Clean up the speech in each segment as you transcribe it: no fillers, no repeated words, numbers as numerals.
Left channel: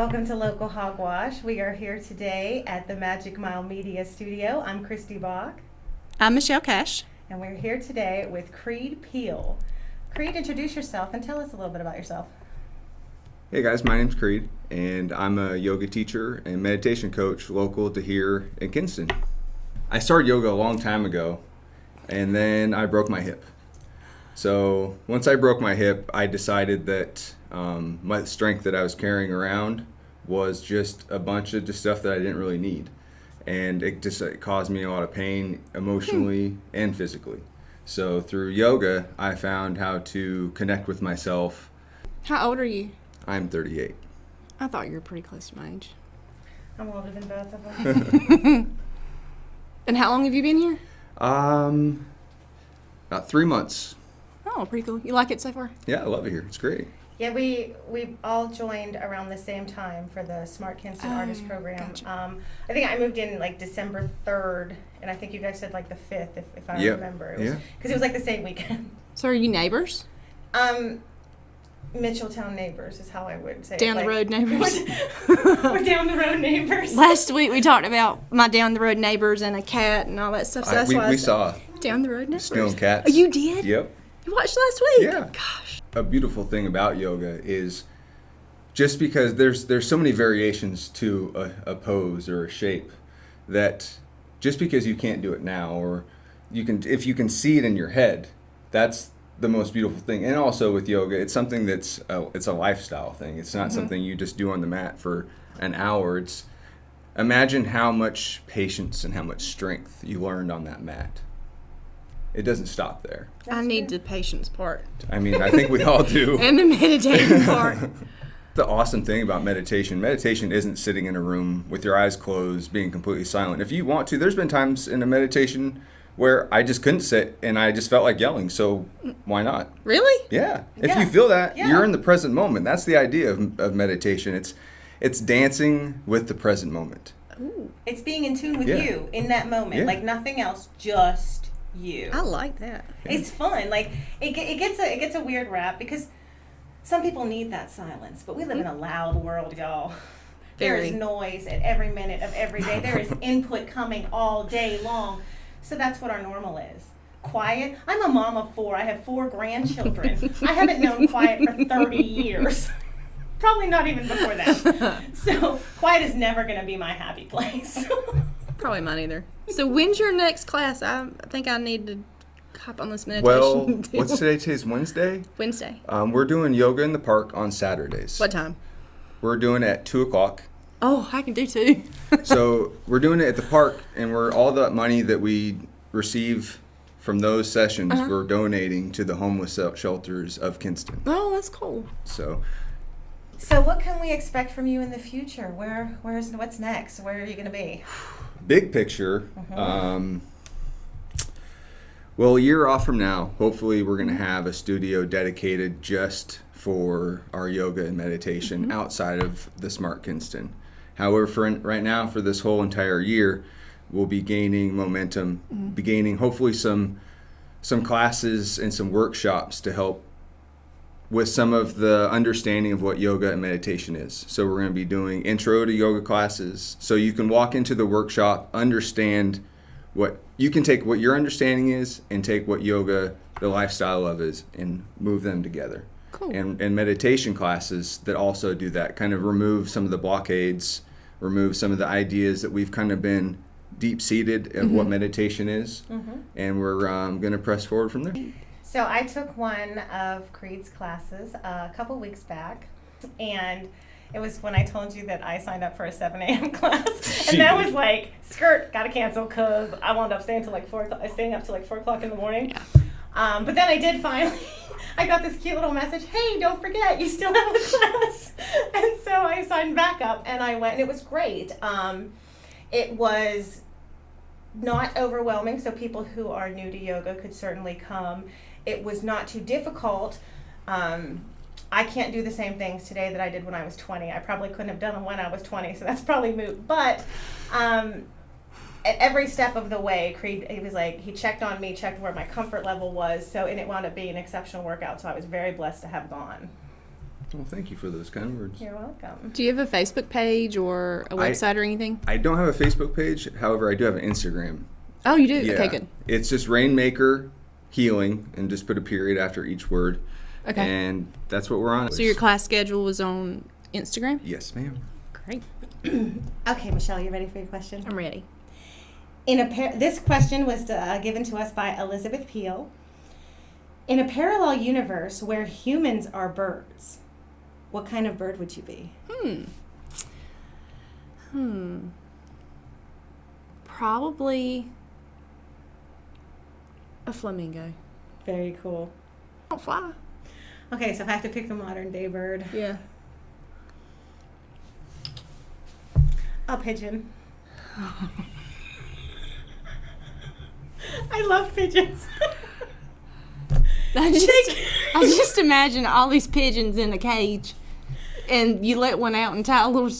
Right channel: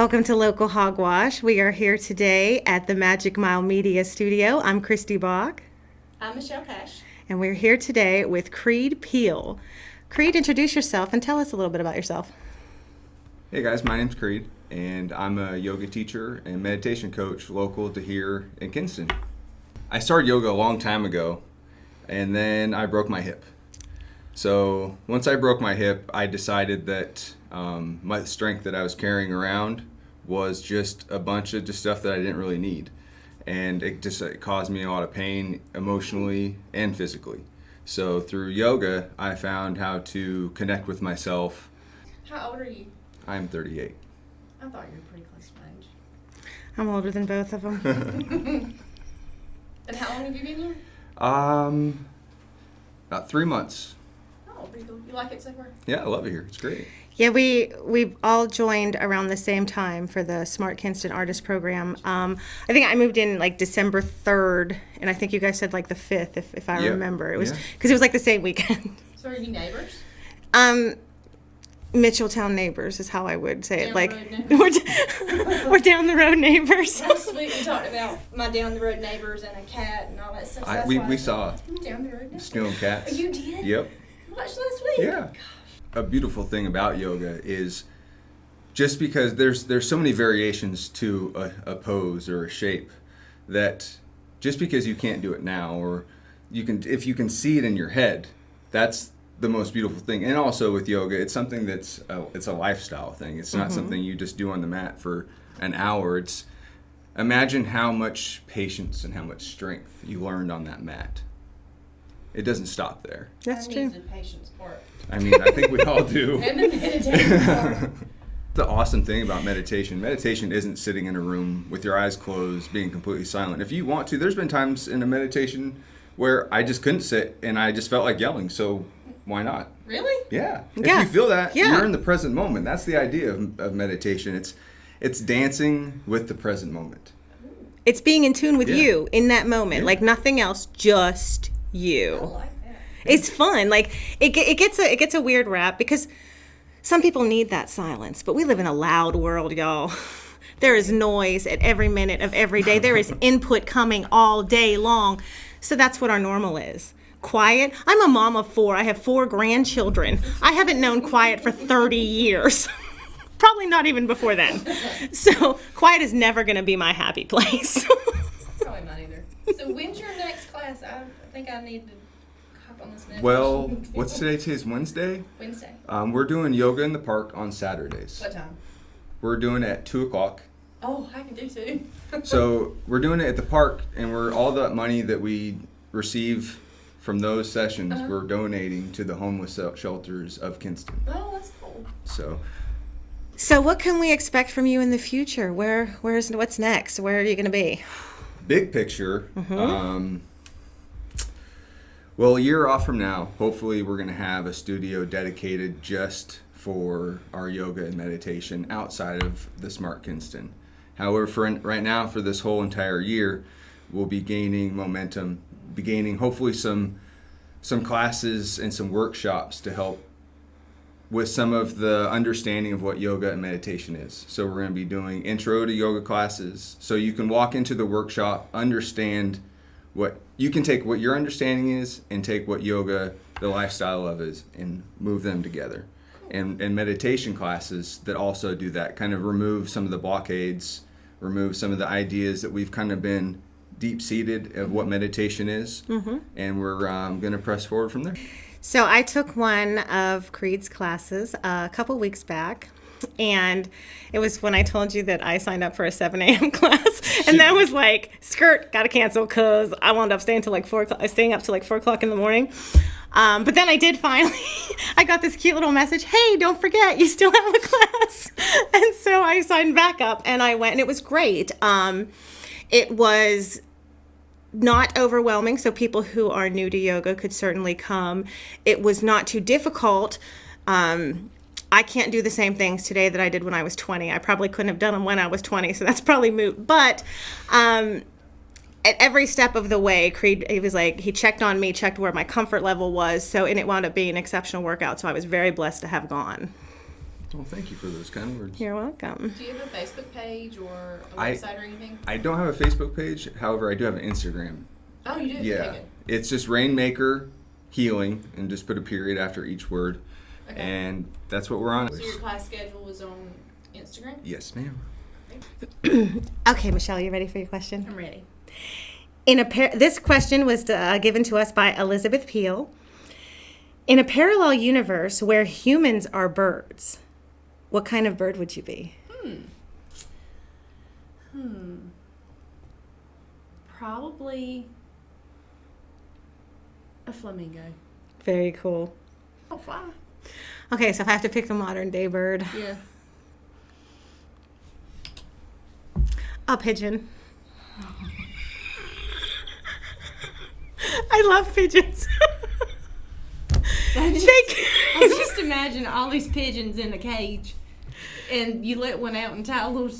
Welcome to Local Hogwash. We are here today at the Magic Mile Media Studio. I'm Kristy Bock. I'm Michelle Cash. And we're here today with Creed Piel. Creed, introduce yourself and tell us a little bit about yourself. Hey guys, my name's Creed, and I'm a yoga teacher and meditation coach local to here in Kinston. I started yoga a long time ago, and then I broke my hip. So once I broke my hip, I decided that my strength that I was carrying around was just a bunch of just stuff that I didn't really need. And it caused me a lot of pain emotionally and physically. So through yoga, I found how to connect with myself. How old are you? I'm 38. I thought you were pretty close to my age. I'm older than both of them. And how long have you been here? About 3 months. Oh, pretty cool. You like it so far? Yeah, I love it here. It's great. Yeah, we've all joined around the same time for the Smart Kinston Artist Program. Gotcha. I think I moved in like December 3rd, and I think you guys said like the 5th, if I remember. It was because it was like the same weekend. So are you neighbors? Mitchelltown neighbors is how I would say Down it. the road neighbors. We're down the road neighbors. Last week we talked about my down the road neighbors and a cat and all that stuff. So that's why we saw down the road neighbors. Snow and Cats. Oh, you did? Yep. You watched last week? Yeah. Gosh. A beautiful thing about yoga is just because there's so many variations to a pose or a shape that just because you can't do it now, or if you can see it in your head, that's the most beautiful thing. And also with yoga, it's something it's a lifestyle thing. It's not something you just do on the mat for an hour. Imagine how much patience and how much strength you learned on that mat. It doesn't stop there. I need the patience part. I mean, I think we all do. And the meditating part. The awesome thing about meditation isn't sitting in a room with your eyes closed, being completely silent. If you want to, there's been times in a meditation where I just couldn't sit and I just felt like yelling, so why not? Really? Yeah. Yeah. If you feel that, Yeah. you're in the present moment. That's the idea of meditation. It's dancing with the present moment. It's being in tune with you in that moment, Yeah. like nothing else, just you. I like that. It's fun. Like it gets a weird rap because some people need that silence, but we live in a loud world, y'all. There is Very. noise at every minute of every day. There is input coming all day long. So that's what our normal is. Quiet. I'm a mom of 4. I have 4 grandchildren. I haven't known quiet for 30 years. Probably not even before then. So quiet is never going to be my happy place. Probably mine either. So when's your next class? I think I need to hop on this meditation. Well, deal. what's today? Today's Wednesday. Wednesday. We're doing yoga in the park on Saturdays. What time? We're doing it at 2 o'clock. Oh, I can do 2. So we're doing it at the park, and all the money that we receive from those sessions, we're donating to the homeless shelters of Kinston. Oh, that's cool. So So what can we expect from you in the future? What's next? Where are you going to be? big picture, well, a year off from now, hopefully we're going to have a studio dedicated just for our yoga and meditation outside of the Smart Kinston. However, right now, for this whole entire year, we'll be gaining momentum, be gaining hopefully some classes and some workshops to help with some of the understanding of what yoga and meditation is. So we're going to be doing intro to yoga classes, so you can walk into the workshop, understand you can take what your understanding is and take what yoga, the lifestyle of is, and move them together. Cool. And meditation classes that also do that, kind of remove some of the blockades, remove some of the ideas that we've kind of been deep-seated of what meditation is, and we're going to press forward from there. So I took one of Creed's classes a couple weeks back, and it was when I told you that I signed up for a 7 a.m. class, and that was like, skirt, gotta cancel because I wound up staying up till like 4 o'clock in the morning. But then I did finally, I got this cute little message, hey, don't forget, you still have a class. And so I signed back up, and I went, and it was great. It was not overwhelming, so people who are new to yoga could certainly come. It was not too difficult. I can't do the same things today that I did when I was 20. I probably couldn't have done them when I was 20, so that's probably moot. But at every step of the way, Creed, he checked on me, checked where my comfort level was, and it wound up being an exceptional workout, so I was very blessed to have gone. Well, thank you for those kind words. You're welcome. Do you have a Facebook page or a website or anything? I don't have a Facebook page. However, I do have an Instagram. Oh, you do? Yeah. Okay, good. It's just Rainmaker Healing, and just put a period after each word. Okay. And that's what we're on. So your class schedule was on Instagram? Yes, ma'am. Great. Okay, Michelle, you ready for your question? I'm ready. This question was given to us by Elizabeth Piel. In a parallel universe where humans are birds, what kind of bird would you be? Probably a flamingo. Very cool. Don't fly. Okay, so if I have to pick a modern day bird, Yeah. a pigeon. I love pigeons. I just imagine all these pigeons in a cage, and you let one out and tie a little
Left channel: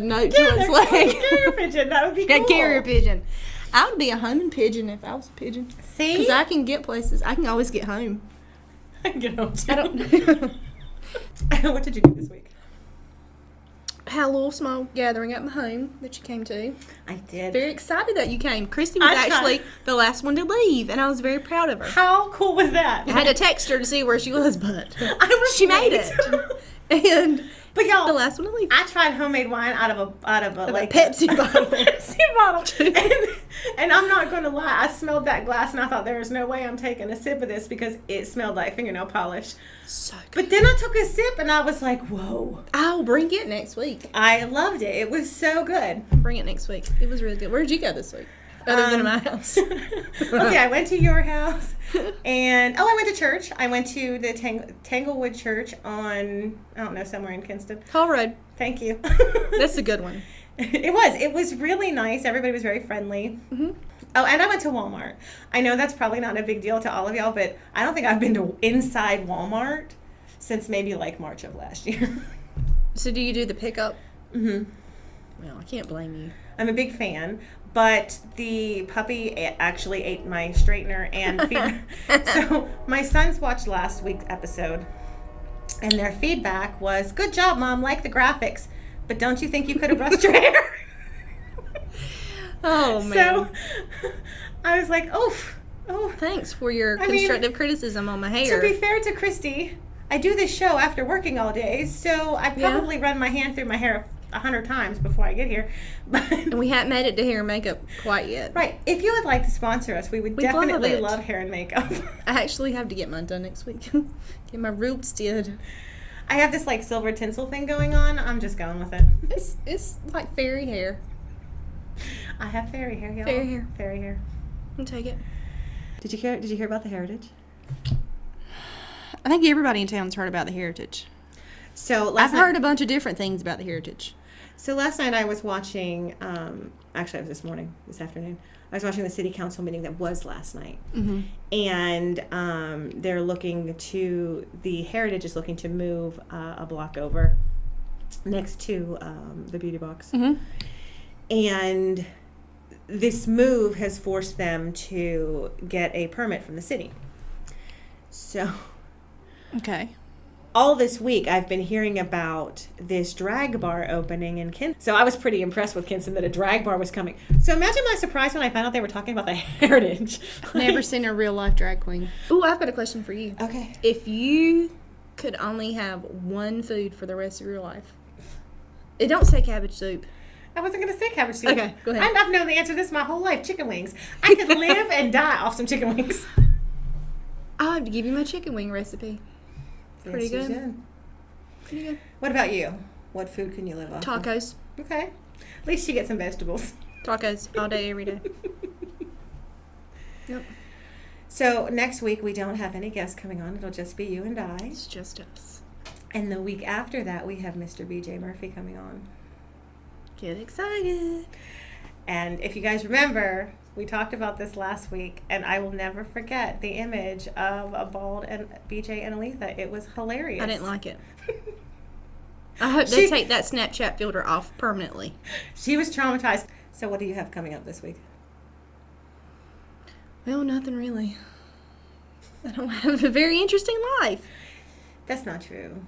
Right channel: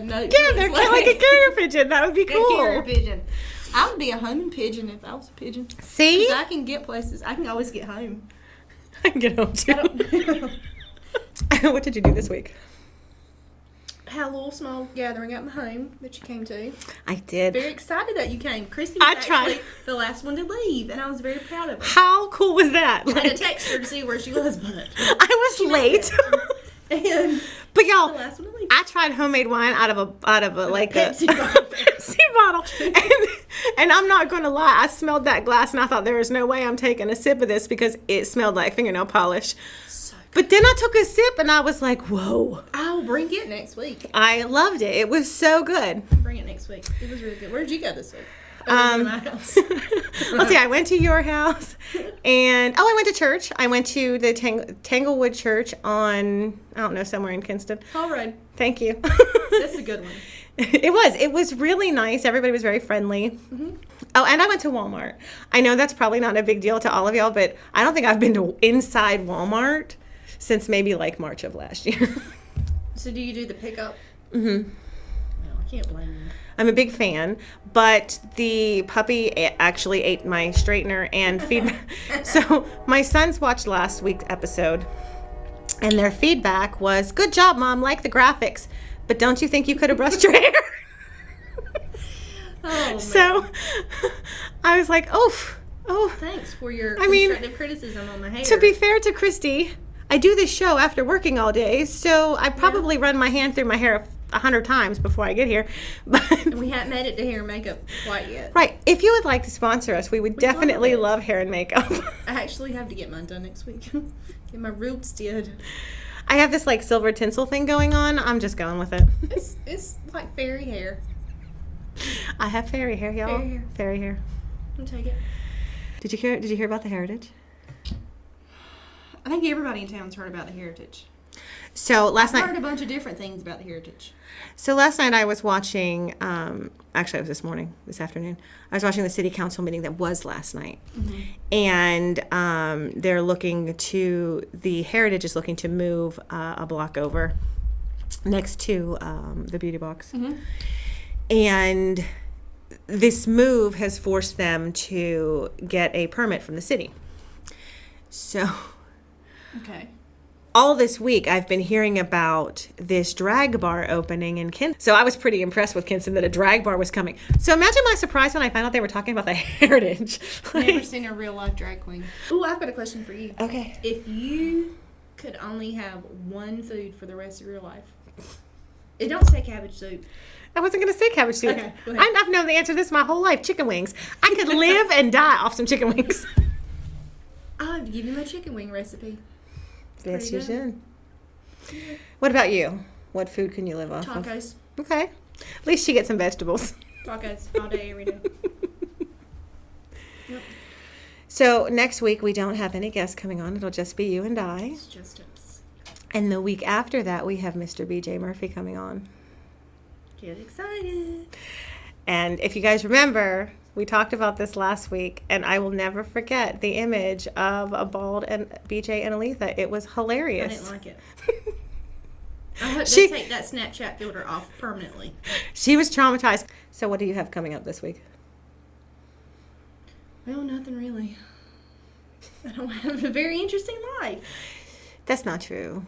note to Yeah, its they're kind of like a leg. carrier pigeon. That would be cool. That carrier pigeon. I would be a homing pigeon if I was a pigeon. See? Because I can get places. I can always get home. I can get home too. I don't. What did you do this week? Had a little small gathering at my home that you came to. I did. Very excited that you came. Kristy was I actually tried. the last one to leave, and I was very proud of her. How cool was that? I had to text her to see where she was, but I was she made late. it. And But y'all, the last one to leave. I tried homemade wine out of a like Pepsi bottle. Pepsi bottle. And I'm not going to lie, I smelled that glass and I thought there is no way I'm taking a sip of this because it smelled like fingernail polish. So good. But then I took a sip and I was like, whoa. I'll bring it next week. I loved it. It was so good. Bring it next week. It was really good. Where did you go this week? Other than my house. Let's see, I went to your house and I went to church. I went to the Tanglewood Church on, I don't know, somewhere in Kinston. Toll Road. Thank you. That's a good one. It was really nice. Everybody was very friendly. Mm-hmm. Oh, and I went to Walmart. I know that's probably not a big deal to all of y'all, but I don't think I've been to inside Walmart since maybe like March of last year. So do you do the pickup? Mm-hmm. Well, I can't blame you. I'm a big fan, but the puppy actually ate my straightener and feedback. So my sons watched last week's episode, and their feedback was, "Good job, Mom. Like the graphics, but don't you think you could have brushed your hair?" Oh, man. So I was like, "Oh." Thanks for your I mean, constructive criticism on my hair. To be fair to Kristy, I do this show after working all day, so I probably run my hand through my hair 100 times before I get here. But And we haven't made it to hair and makeup quite yet. right, if you would like to sponsor us, we would definitely love it. love hair and makeup. I actually have to get mine done next week. Get my roots did. I have this like silver tinsel thing going on. I'm just going with it. It's like fairy hair. I have fairy hair, y'all. Fairy hair. Fairy hair. I'll take it. Did you hear about the Heritage? I think everybody in town's heard about the Heritage. So I've last heard night, a bunch of different things about the Heritage. I was watching. Actually, it was this afternoon. I was watching the city council meeting that was last night, and the Heritage is looking to move a block over next to the beauty box, and this move has forced them to get a permit from the city. So Okay. all this week I've been hearing about this drag bar opening in Kinston. So I was pretty impressed with Kinston that a drag bar was coming. So imagine my surprise when I found out they were talking about the Heritage. Never seen a real life drag queen. Ooh, I've got a question for you. Okay. If you could only have one food for the rest of your life, it don't say cabbage soup. I wasn't going to say cabbage soup. Okay, go ahead. I've known the answer to this my whole life. Chicken wings. I could live and die off some chicken wings. I'll have to give you my chicken wing recipe. Pretty Yes, you good. should. Yeah. What about you? What food can you live off of? Tacos. Okay. At least she gets some vegetables. Tacos all day, every day. Yep. So next week we don't have any guests coming on. It'll just be you and I. It's just us. And the week after that we have Mr. BJ Murphy coming on. Get excited. And if you guys remember, we talked about this last week, and I will never forget the image of a bald and BJ and Aletha. It was hilarious. I didn't like it. I hope they take that Snapchat filter off permanently. She was traumatized. So what do you have coming up this week? Well, nothing really. I don't have a very interesting life. That's not true.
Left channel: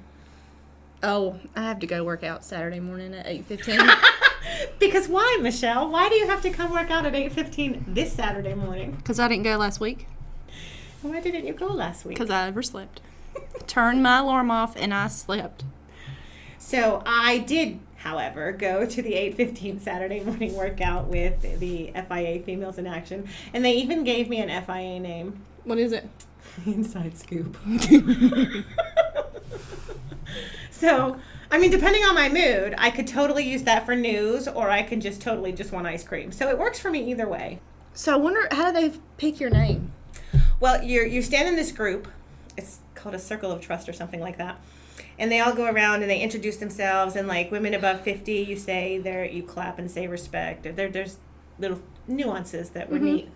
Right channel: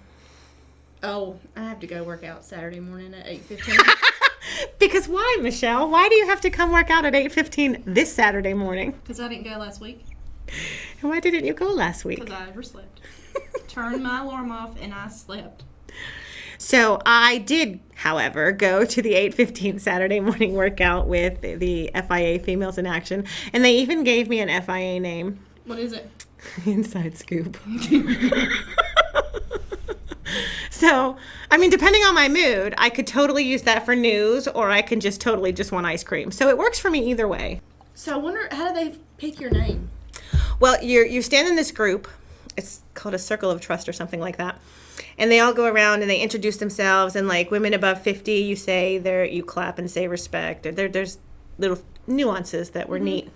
Oh, I have to go work out Saturday morning at 8:15. Because why, Michelle? Why do you have to come work out at 8:15 this Saturday morning? Because I didn't go last week. And why didn't you go last week? Because I overslept. Turned my alarm off and I slept. So I did, however, go to the 8:15 Saturday morning workout with the FIA Females in Action. And they even gave me an FIA name. What is it? Inside Scoop. So, I mean, depending on my mood, I could totally use that for news, or I can just totally just want ice cream. So it works for me either way. So I wonder, how do they pick your name? Well, you stand in this group. It's called a circle of trust or something like that. And they all go around and they introduce themselves. And like women above 50, you clap and say respect. Or there's little nuances that were neat.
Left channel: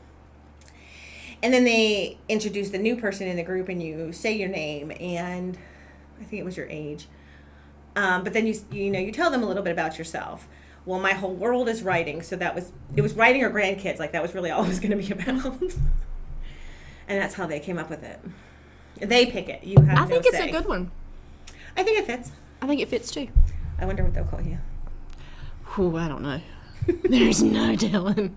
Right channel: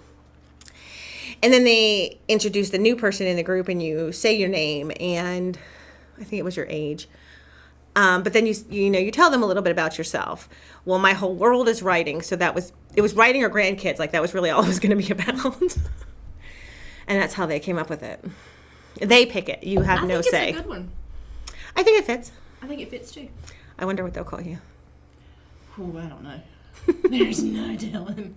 And then they introduce the new person in the group, and you say your name, and I think it was your age. But then you tell them a little bit about yourself. Well, my whole world is writing, so it was writing or grandkids. Like that was really all it was going to be about. And that's how they came up with it. They pick it. You have no say. I think it's a good one. I think it fits. I think it fits too. I wonder what they'll call you. Oh, I don't know. There's no telling.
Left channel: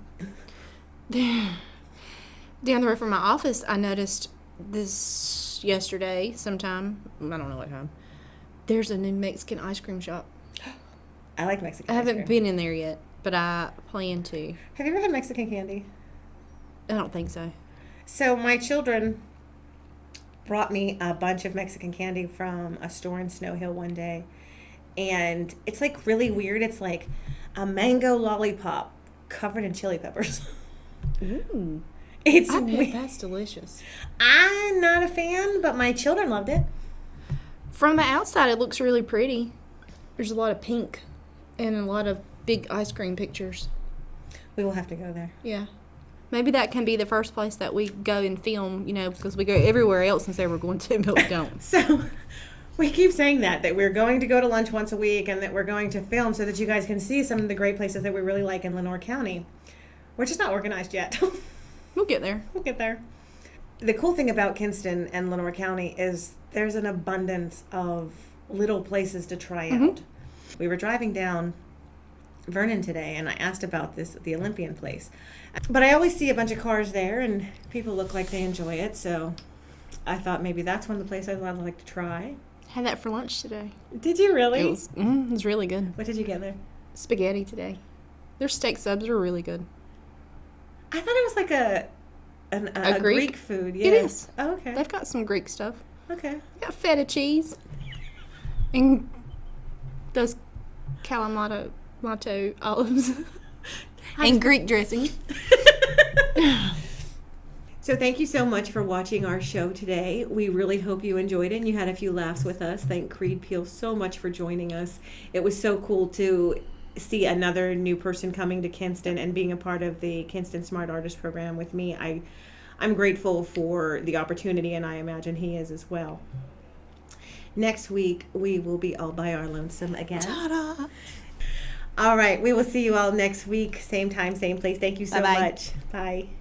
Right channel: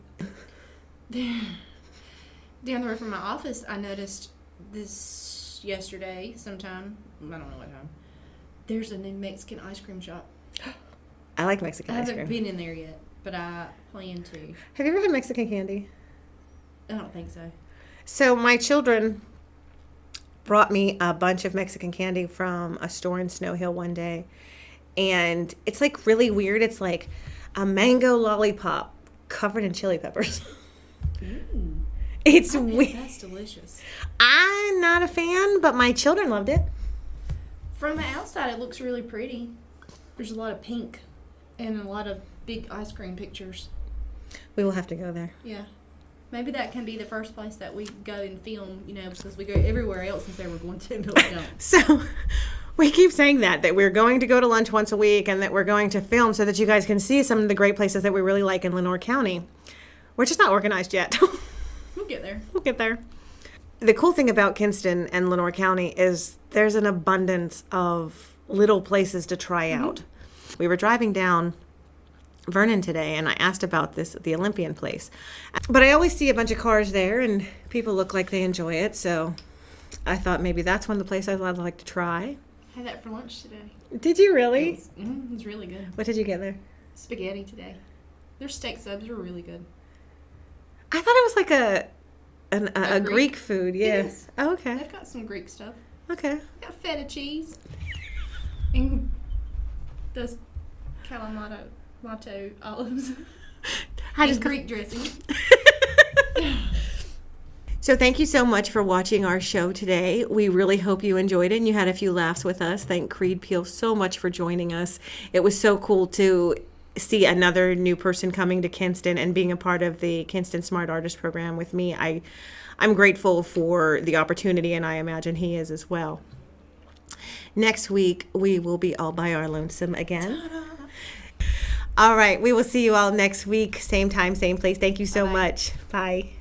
Down the road from my office, I noticed this yesterday sometime. I don't know what time. There's a new Mexican ice cream shop. I like Mexican I ice cream. haven't been in there yet, but I plan to. Have you ever had Mexican candy? I don't think so. So my children brought me a bunch of Mexican candy from a store in Snow Hill one day. And it's like really weird. It's like a mango lollipop covered in chili peppers. Ooh. It's I bet weird. that's delicious. I'm not a fan, but my children loved it. From the outside, it looks really pretty. There's a lot of pink and a lot of big ice cream pictures. We will have to go there. Yeah. Maybe that can be the first place that we go and film, because we go everywhere else and say we're going to, but we don't. So we keep saying that we're going to go to lunch once a week and that we're going to film so that you guys can see some of the great places that we really like in Lenoir County. We're just not organized yet. We'll get there. We'll get there. The cool thing about Kinston and Lenoir County is there's an abundance of little places to try out. We were driving down Vernon today, and I asked about the Olympian place. But I always see a bunch of cars there, and people look like they enjoy it, so I thought maybe that's one of the places I'd like to try. Had that for lunch today. Did you really? It was really good. What did you get there? Spaghetti today. Their steak subs are really good. I thought it was like a Greek food. Yeah. It is. Oh, okay. They've got some Greek stuff. Okay. Got feta cheese. And those Kalamata olives. And Greek dressing. So thank you so much for watching our show today. We really hope you enjoyed it and you had a few laughs with us. Thank Creed Piel so much for joining us. It was so cool to see another new person coming to Kinston and being a part of the Kinston Smart Artist Program with me. I'm grateful for the opportunity, and I imagine he is as well. Next week, we will be all by our lonesome again. Ta-da. All right, we will see you all next week. Same time, same place. Thank you so much. Bye.